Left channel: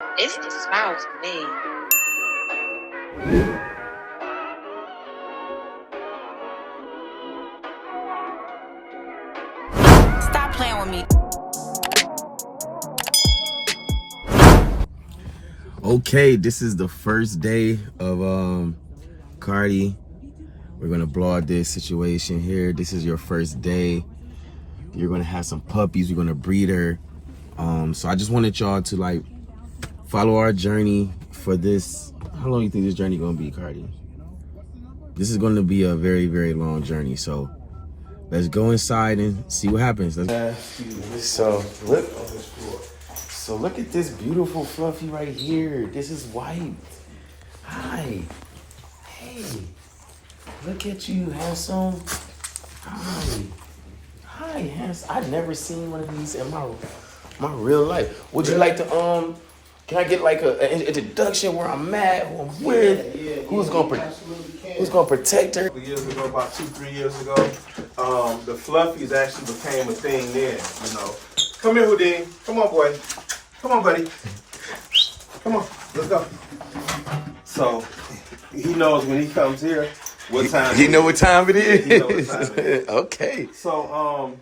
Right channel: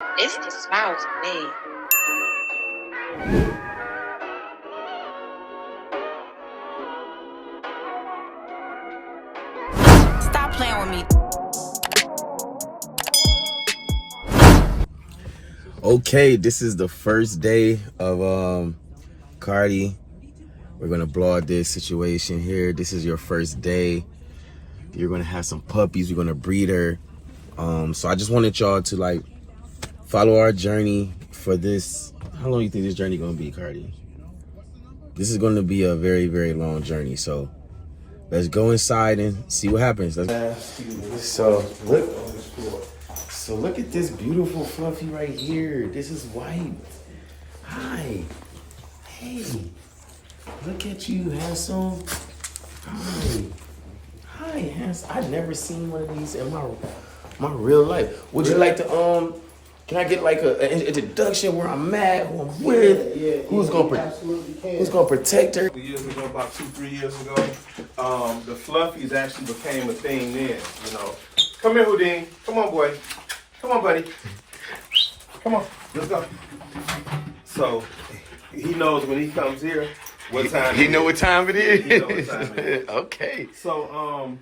It's the smiles for me. Stop playing with me. Okay, this is the first day of Cardi. We're gonna blog this situation here. This is your first day. You're gonna have some puppies. We're gonna breed her. So I just wanted y'all to like follow our journey for this. How long do you think this journey gonna be, Cardi? This is gonna be a very, very long journey. So let's go inside and see what happens. So look at this beautiful fluffy right here. This is white. Hi. Hey. Look at you, handsome. Hi. Hi, handsome. I've never seen one of these in my real life. Would you like to can I get like an introduction where I'm at, who I'm with, who's gonna protect her? Years ago, about 2-3 years ago, the fluffies actually became a thing then. You know, come here, Houdin. Come on, boy. Come on, buddy. Come on, let's go. So he knows when he comes here what time. He know what time it is. He know what time it is. Okay. So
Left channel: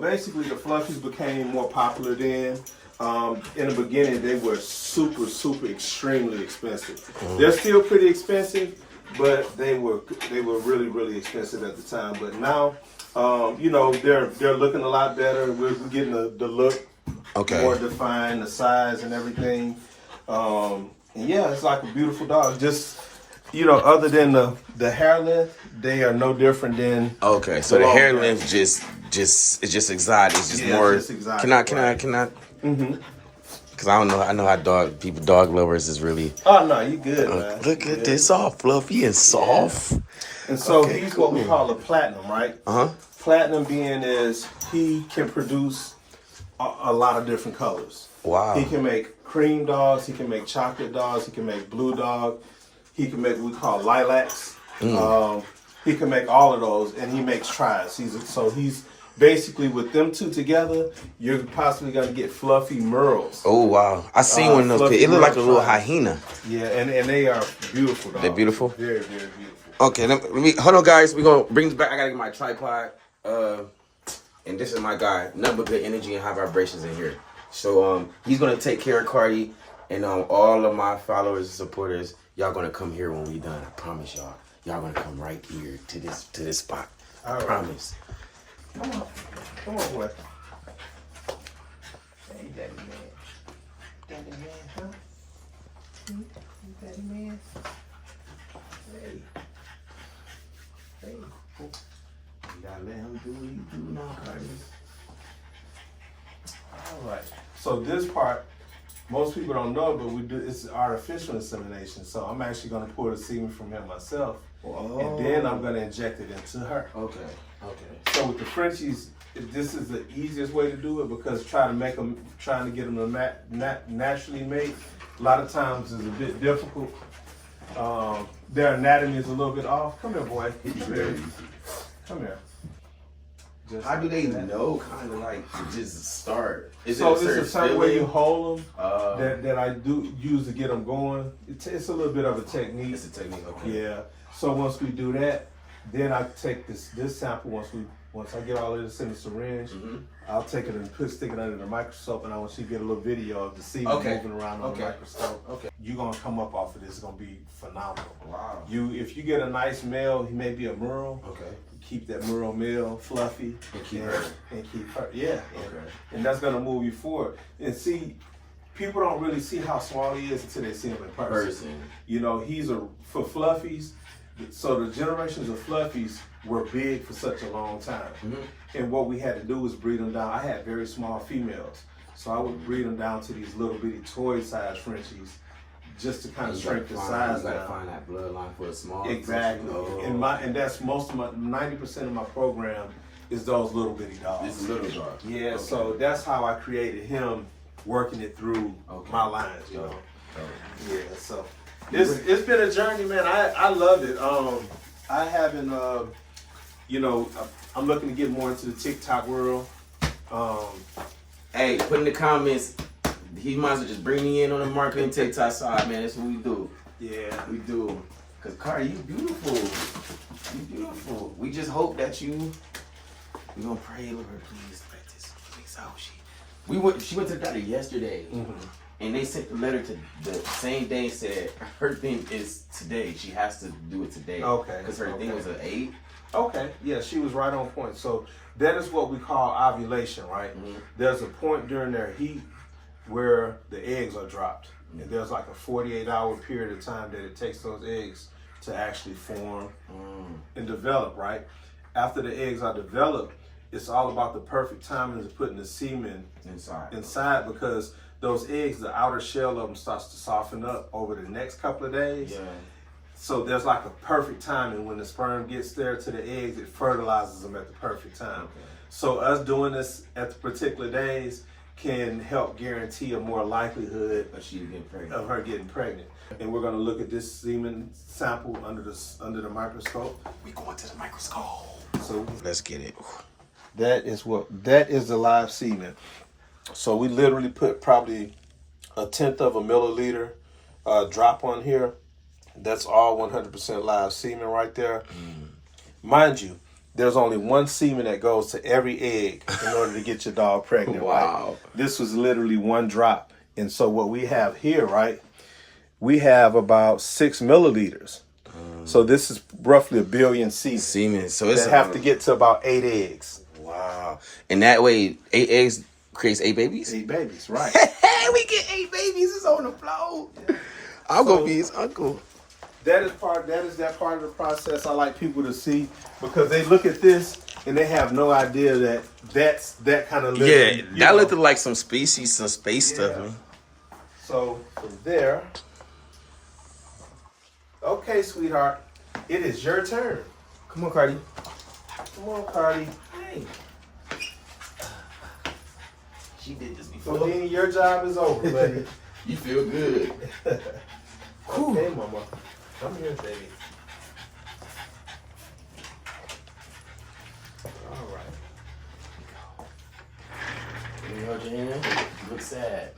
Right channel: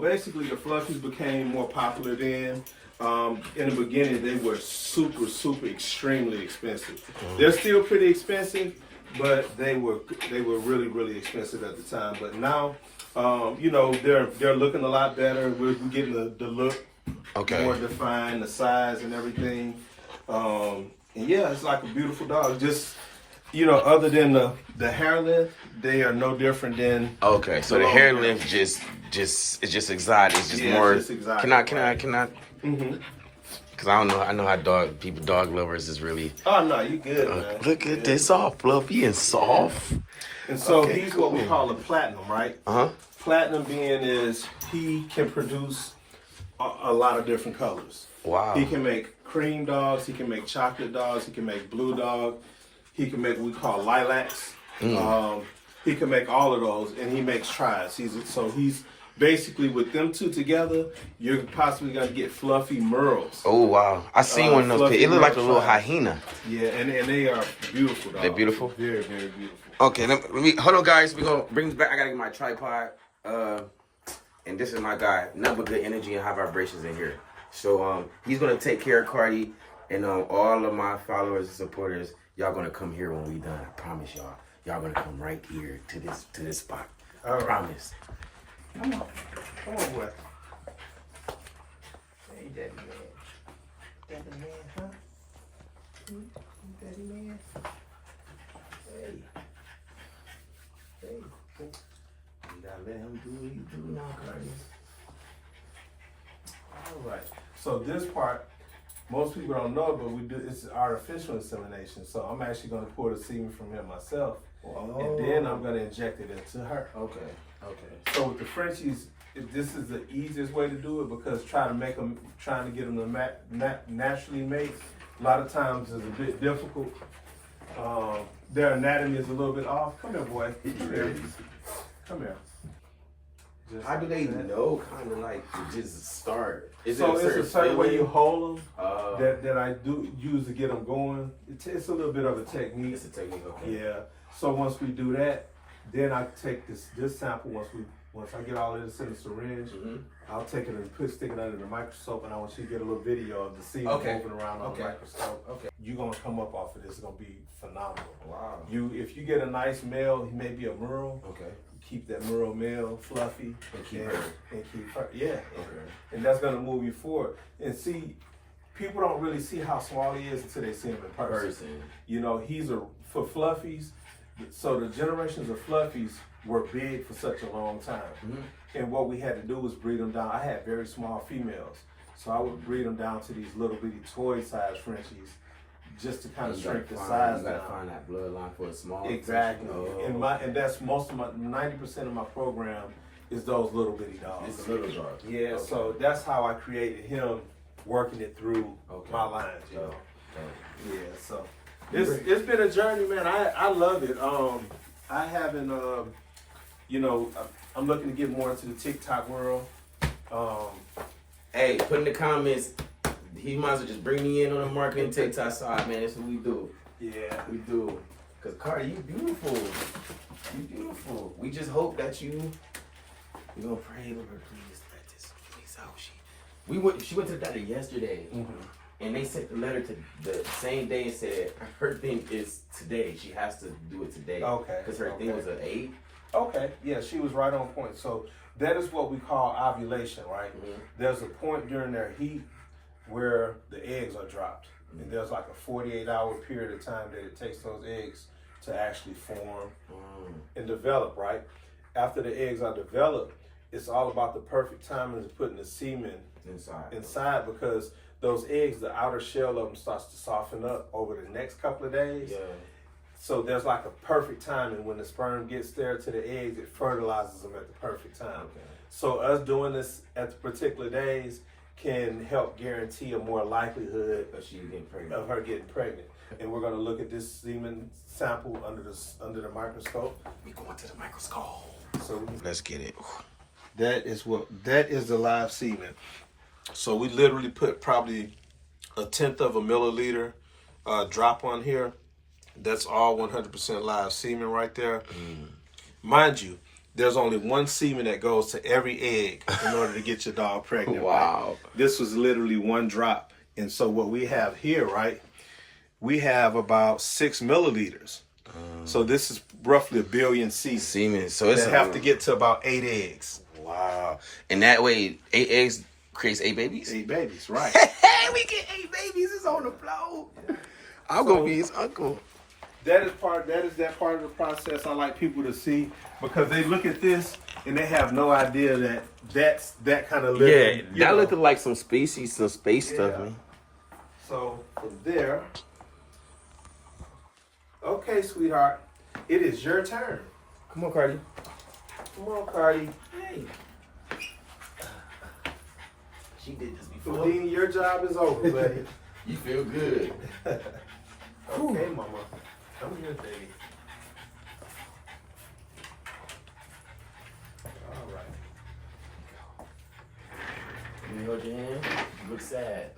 basically, the fluffies became more popular then. In the beginning, they were super, extremely expensive. They're still pretty expensive, but they were really, really expensive at the time. But now, you know, they're looking a lot better. We're getting the look more defined, the size and everything. And yeah, it's like a beautiful dog. Just, you know, other than the hair length, they are no different than. Okay, so the hair length it's just exotic. It's just more. Just exotic. Can I? Mm-hmm. Cause I don't know. I know how dog lovers is really. Oh no, you good, man. Look at this, all fluffy and soft. And so he's what we call a platinum, right? Platinum being is he can produce a lot of different colors. Wow. He can make cream dogs. He can make chocolate dogs. He can make blue dog. He can make what we call lilacs. He can make all of those, and he makes tries. He's basically with them two together, you're possibly gonna get fluffy merles. Oh wow! I seen one of those. It looked like a little hyena. Yeah, and they are beautiful dogs. They're beautiful. Very, very beautiful. Okay, let me hold on, guys. We're gonna bring this back. I gotta get my tripod. And this is my guy. Nothing but good energy and high vibrations in here. So he's gonna take care of Cardi, and all of my followers and supporters. Y'all gonna come here when we done. I promise y'all. Y'all gonna come right here to this spot. I promise. Come on, boy. Hey, daddy man. Daddy man, huh? Daddy man. Hey. You gotta let him do what he do now, Cardi. All right. So this part, most people don't know, but we do. It's artificial insemination. So I'm actually gonna pour the semen from him myself, and then I'm gonna inject it into her. Okay. So with the Frenchies, this is the easiest way to do it because trying to get them to naturally mate, a lot of times is a bit difficult. Their anatomy is a little bit off. Come here, boy. Come here. How do they know? Kind of like to just start. It's a certain way you hold them that I do use to get them going. It's a little bit of a technique. It's a technique. Okay. Yeah. So once we do that, then I take this sample. Once I get all of this in the syringe, I'll take it and stick it under the microscope, and I want you to get a little video of the semen moving around on the microscope. Okay. You're gonna come up off of this. It's gonna be phenomenal. Wow. If you get a nice male, he may be a merle. Okay. Keep that merle male fluffy and keep her. Yeah. Okay. And that's gonna move you forward. And see, people don't really see how small he is until they see him in person. You know, for fluffies. So the generations of fluffies were big for such a long time. And what we had to do was breed them down. I had very small females. So I would breed them down to these little bitty toy-sized Frenchies just to kind of shrink the size down. You gotta find that bloodline for a small. Exactly. And that's most of 90% of my program is those little bitty dogs. It's a little dog. Yeah, so that's how I created him, working it through my lines, you know. Yeah, so. It's been a journey, man. I love it. I haven't, you know, I'm looking to get more into the TikTok world. Hey, put in the comments he might as well just bring me in on the marketing TikTok side, man. That's what we do. Yeah. We do. Cause Cardi, you beautiful. You beautiful. We just hope that you. We gonna pray, Lord, please let this please out. She went to the doctor yesterday, and they sent the letter to the same day and said her thing is today. She has to do it today. Okay. Because her thing was an 8. Okay. Yeah, she was right on point. So that is what we call ovulation, right? There's a point during their heat where the eggs are dropped. And there's like a 48-hour period of time that it takes those eggs to actually form and develop, right? After the eggs are developed, it's all about the perfect timing of putting the semen inside because those eggs, the outer shell of them starts to soften up over the next couple of days. Yeah. So there's like a perfect timing when the sperm gets there to the eggs, it fertilizes them at the perfect time. Okay. So us doing this at the particular days can help guarantee a more likelihood of her getting pregnant. And we're gonna look at this semen sample under the microscope. We going to the microscope. So let's get it. That is the live semen. So we literally put probably 1/10 of a milliliter drop on here. That's all 100% live semen right there. Mind you, there's only one semen that goes to every egg in order to get your dog pregnant. Wow. Right? This was literally one drop. And so what we have here, right, we have about 6 milliliters. So this is roughly 1 billion semen. So it's have to get to about 8 eggs. Wow. And that way, 8 eggs creates 8 babies? 8 babies, right. Hey, we get 8 babies. It's on the floor. I'm going to be his uncle. That is that part of the process I like people to see because they look at this and they have no idea that that's that kind of living. Yeah, that looked like some space stuff, man. So from there, okay, sweetheart, it is your turn. Come on, Cardi. Come on, Cardi. Hey. She did this before. Houdini, your job is over, buddy. You feel good. Okay, mama. Come here, baby. All right. Let me hold your hand. You look sad.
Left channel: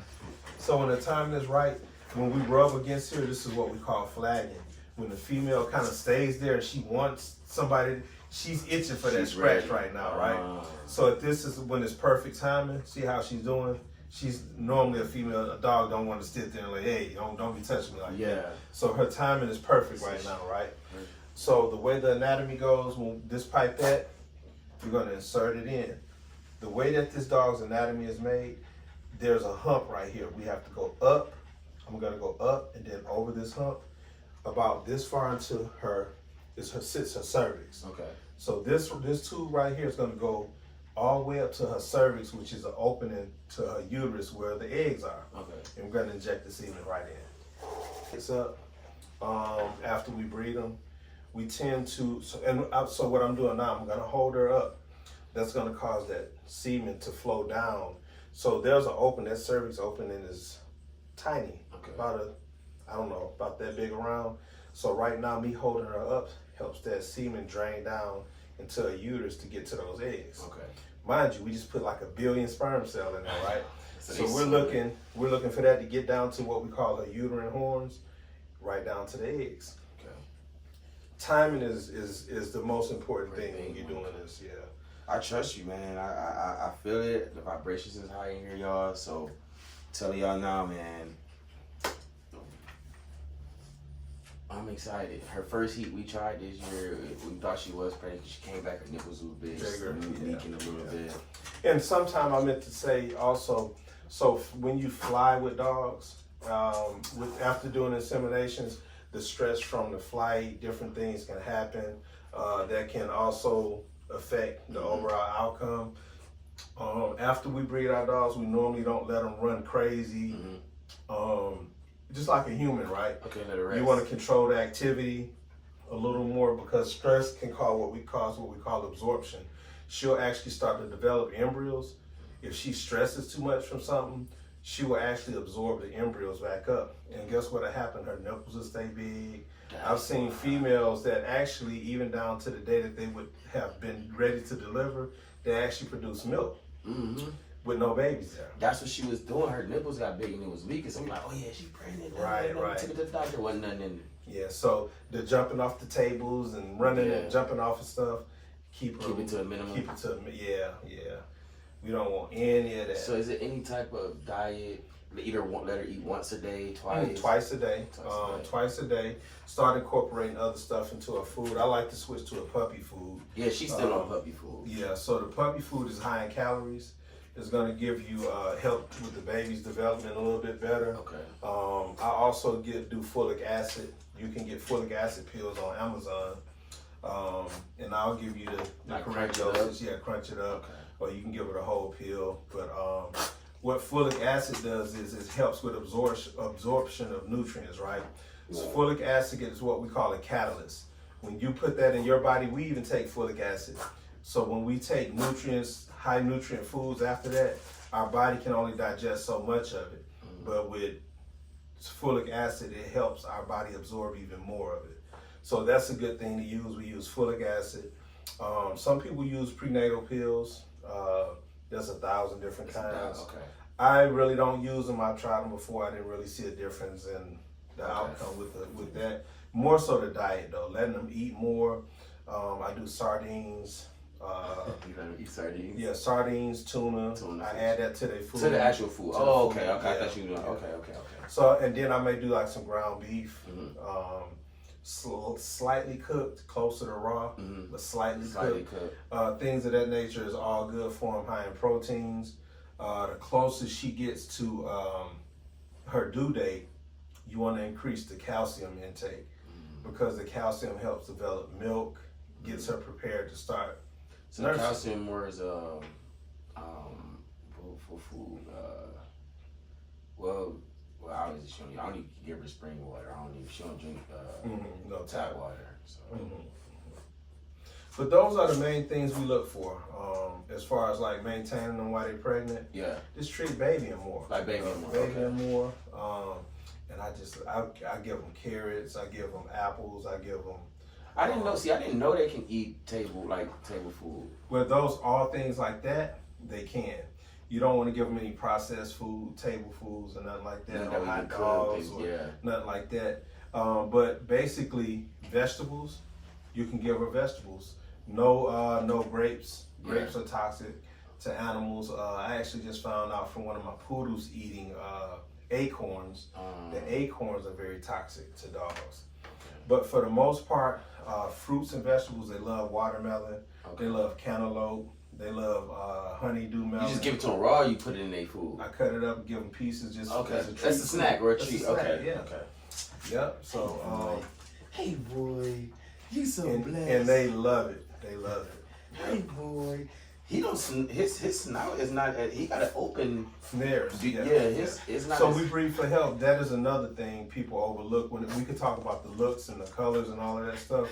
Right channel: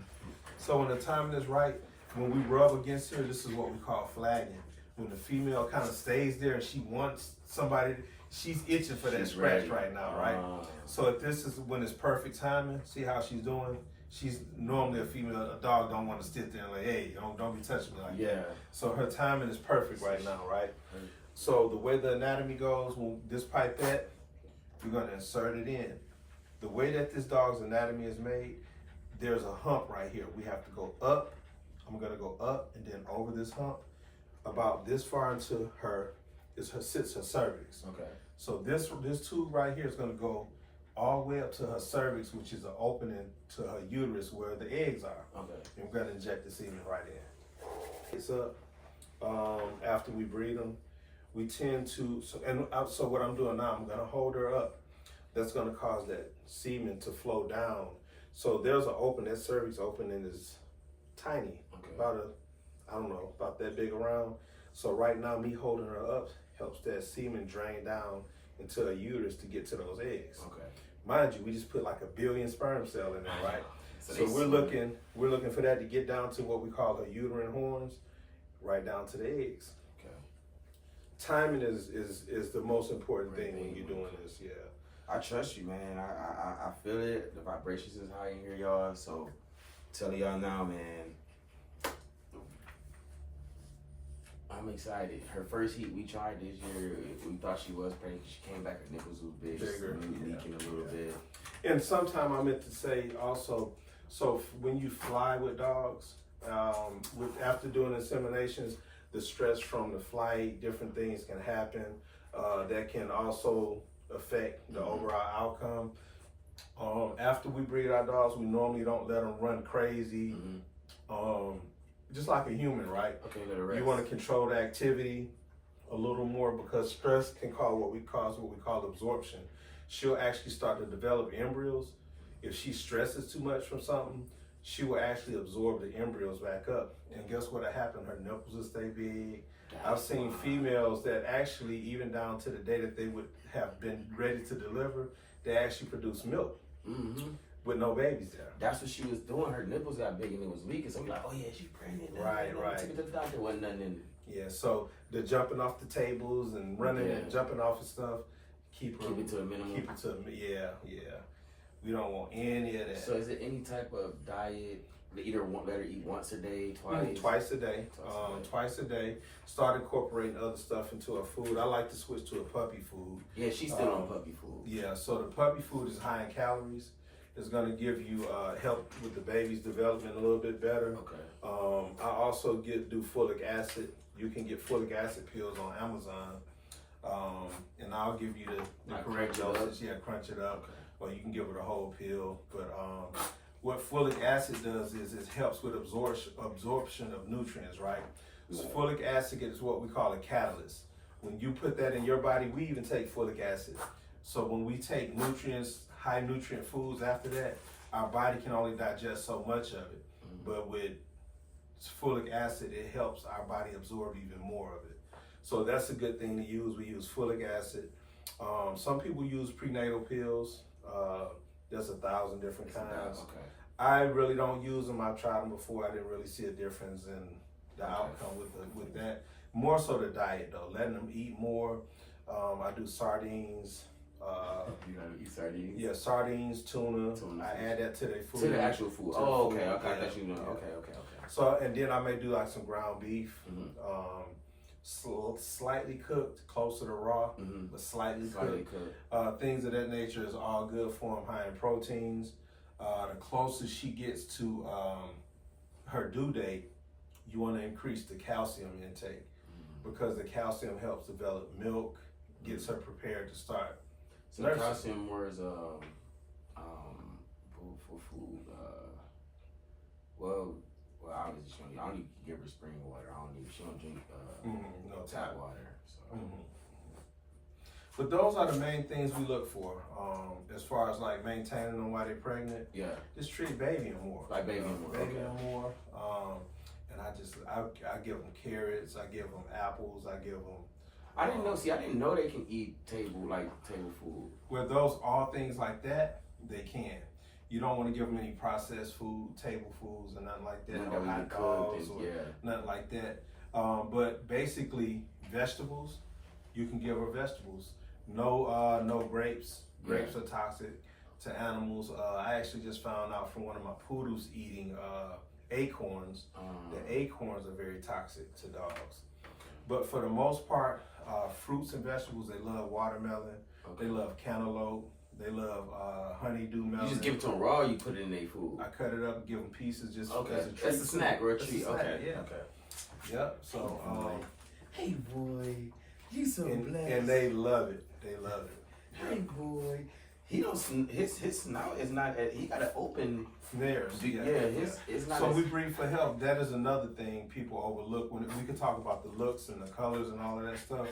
So when the timing is right, when we rub against here, this is what we call flagging. When the female kind of stays there and she wants somebody, she's itching for that scratch right now, right? So if this is when it's perfect timing, see how she's doing? She's normally a dog don't want to sit there and like, hey, don't be touching me like that. So her timing is perfect right now, right? So the way the anatomy goes, when this pipette, you're gonna insert it in. The way that this dog's anatomy is made, there's a hump right here. We have to go up. I'm gonna go up and then over this hump. About this far into her, sits her cervix. Okay. So this tube right here is gonna go all the way up to her cervix, which is an opening to her uterus where the eggs are. Okay. And we're gonna inject the semen right in. It's up. After we breed them, we tend to. So what I'm doing now, I'm gonna hold her up. That's gonna cause that semen to flow down. So there's an open. That cervix opening is tiny. Okay. About that big around. So right now, me holding her up helps that semen drain down into her uterus to get to those eggs. Okay. Mind you, we just put like 1 billion sperm cell in there, right? So we're looking for that to get down to what we call her uterine horns, right down to the eggs. Okay. Timing is the most important thing when you're doing this. Yeah. I trust you, man. I feel it. The vibrations is high in here, y'all. So telling y'all now, man. I'm excited. Her first heat we tried this year, we thought she was pregnant because she came back, her nipples was big, leaking a little bit. And sometime I meant to say also, so when you fly with dogs, after doing inseminations, the stress from the flight, different things can happen that can also affect the overall outcome. After we breed our dogs, we normally don't let them run crazy. Just like a human, right? Okay, let it rest. You want to control the activity a little more because stress can cause what we call absorption. She'll actually start to develop embryos. If she stresses too much from something, she will actually absorb the embryos back up. And guess what'll happen? Her nipples will stay big. I've seen females that actually, even down to the day that they would have been ready to deliver, they actually produce milk. with no babies there. That's what she was doing. Her nipples got big and it was leaking. So I'm like, oh yeah, she's pregnant. Right. Took her to the doctor. Wasn't nothing in it. Yeah, so the jumping off the tables and running and jumping off and stuff, keep it to a minimum. Yeah. We don't want any of that. So is it any type of diet? Either let her eat once a day, twice? Twice a day. Twice a day. Start incorporating other stuff into her food. I like to switch to a puppy food. Yeah, she's still on puppy food. Yeah, so the puppy food is high in calories. It's going to give you help with the baby's development a little bit better. Okay. I also do folic acid. You can get folic acid pills on Amazon. And I'll give you the correct dosage. Yeah, crunch it up. Okay. Or you can give her the whole pill. But what folic acid does is it helps with absorption of nutrients, right? So folic acid is what we call a catalyst. When you put that in your body, we even take folic acid. So when we take nutrients, high nutrient foods after that, our body can only digest so much of it. But with folic acid, it helps our body absorb even more of it. So that's a good thing to use. We use folic acid. Some people use prenatal pills. There's 1,000 different kinds. Okay. I really don't use them. I've tried them before. I didn't really see a difference in the outcome with that. More so the diet though, letting them eat more. I do sardines. You gotta eat sardines? Yeah, sardines, tuna. I add that to their food. To the actual food. Oh, okay. I thought you were doing. Okay. So, and then I may do like some ground beef. Slightly cooked, closer to raw, but slightly cooked. Things of that nature is all good for them, high in proteins. The closest she gets to her due date, you want to increase the calcium intake because the calcium helps develop milk, gets her prepared to start. So the calcium more is for food. Well, obviously I don't even give her spring water. She don't drink no tap water. So. But those are the main things we look for as far as like maintaining them while they're pregnant. Yeah. Just treat baby and more. Like baby and more. Baby and more. And I give them carrots. I give them apples. I give them. I didn't know. See, I didn't know they can eat table food. Well, those all things like that they can. You don't want to give them any processed food, table foods, or nothing like that. No hot dogs or nothing like that. But basically, vegetables, you can give her vegetables. No grapes. Grapes are toxic to animals. I actually just found out from one of my poodles eating acorns. The acorns are very toxic to dogs. But for the most part, fruits and vegetables, they love watermelon. They love cantaloupe. They love honeydew melon. You just give it to them raw, or you put it in their food? I cut it up and give them pieces just as a treat. That's a snack or a treat. Okay. Yeah. Okay. Yep. So, hey boy, you so blessed. And they love it. They love it. Hey boy. He don't. His snout is not. He got an open. Snares. It's not. So we breed for health. That is another thing people overlook. When we could talk about the looks and the colors and all of that stuff.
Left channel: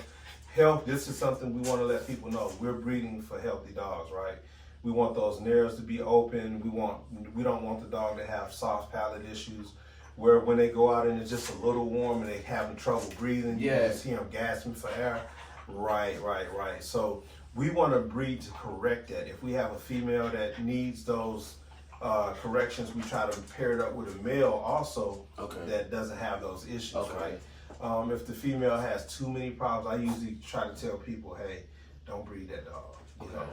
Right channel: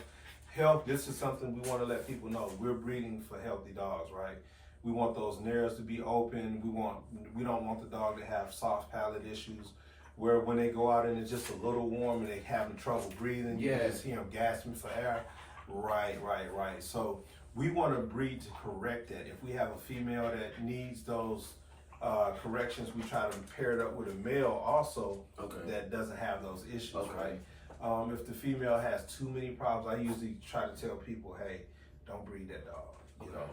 Health. This is something we want to let people know. We're breeding for healthy dogs, right? We want those nares to be open. We don't want the dog to have soft palate issues, where when they go out and it's just a little warm and they having trouble breathing, you can just hear them gasping for air. Right. So we want to breed to correct that. If we have a female that needs those corrections, we try to pair it up with a male also that doesn't have those issues, right? If the female has too many problems, I usually try to tell people, hey, don't breed that dog. You know,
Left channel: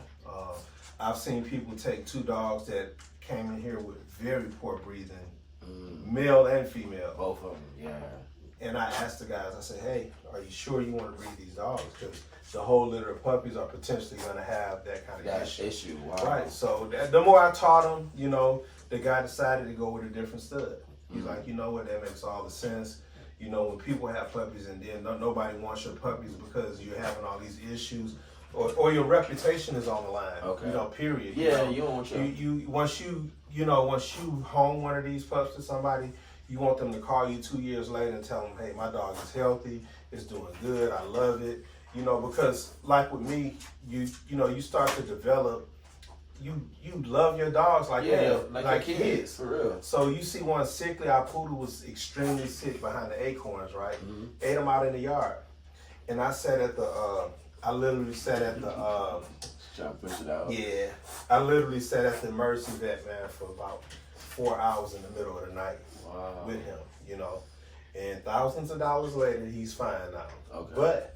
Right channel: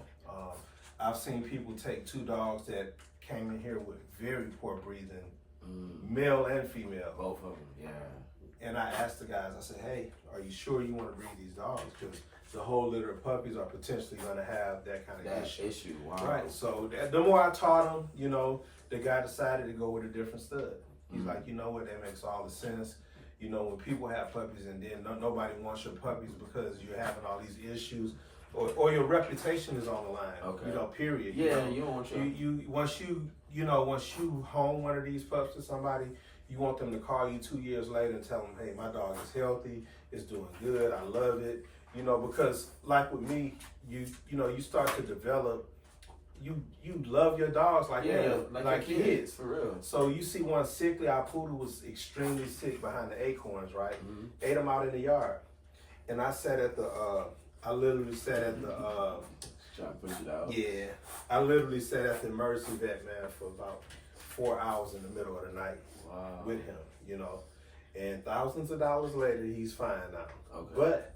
I've seen people take 2 dogs that came in here with very poor breathing, male and female. Both of them, yeah. And I asked the guys, I said, hey, are you sure you want to breed these dogs? Because the whole litter of puppies are potentially going to have that kind of issue. Wow. Right, so the more I taught them, you know, the guy decided to go with a different stud. He's like, you know what, that makes all the sense. You know, when people have puppies and then nobody wants your puppies because you're having all these issues, or your reputation is on the line. You know, period. Yeah, you don't want your... Once you home one of these pups to somebody, you want them to call you 2 years later and tell them, hey, my dog is healthy, it's doing good, I love it. You know, because like with me, you start to develop. You love your dogs like kids, for real. So you see one sickly, our poodle was extremely sick behind the acorns, right? Ate them out in the yard. And I literally sat at the Trying to push it out. Yeah, I literally sat at the emergency vet, man, for about 4 hours in the middle of the night with him, you know. And thousands of dollars later, he's fine now. Okay. But,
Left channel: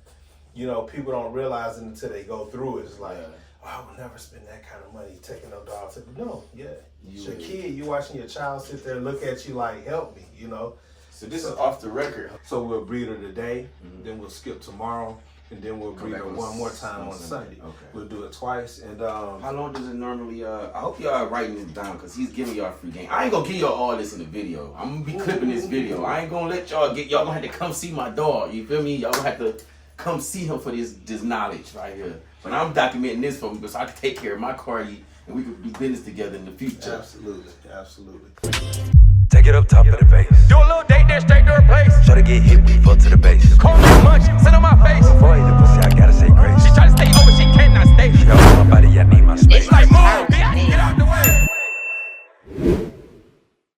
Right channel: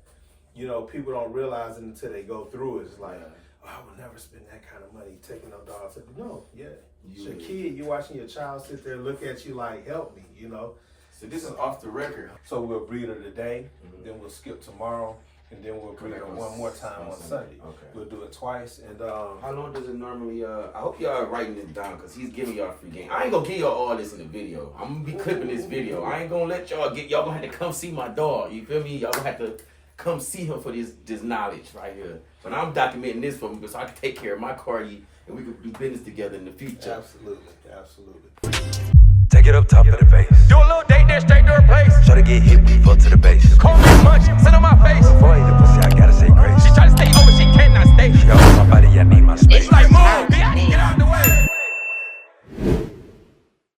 you know, people don't realize it until they go through it. It's like, oh, I would never spend that kind of money taking no dog. No, it's your kid. You're watching your child sit there and look at you like, help me, you know. So this is off the record. So we'll breed her today, then we'll skip tomorrow, and then we'll breed her one more time on Sunday. Okay. We'll do it twice. And how long does it normally? I hope y'all writing this down because he's giving y'all free game. I ain't gonna give y'all all this in the video. I'm gonna be clipping this video. I ain't gonna let y'all get. Y'all gonna have to come see my dog. You feel me? Y'all gonna have to come see him for this knowledge right here. But I'm documenting this for me so I can take care of my Cardi and we could do business together in the future. Absolutely, absolutely. Take it up top of the bass. Do a little date, then straight to her place. Try to get hit, we fuck to the base. Call me much, sit on my face. Before I hit the pussy, I gotta say grace. She try to stay over, she cannot stay. She got on my body, I need my space. It's like, move, bitch, get out the way.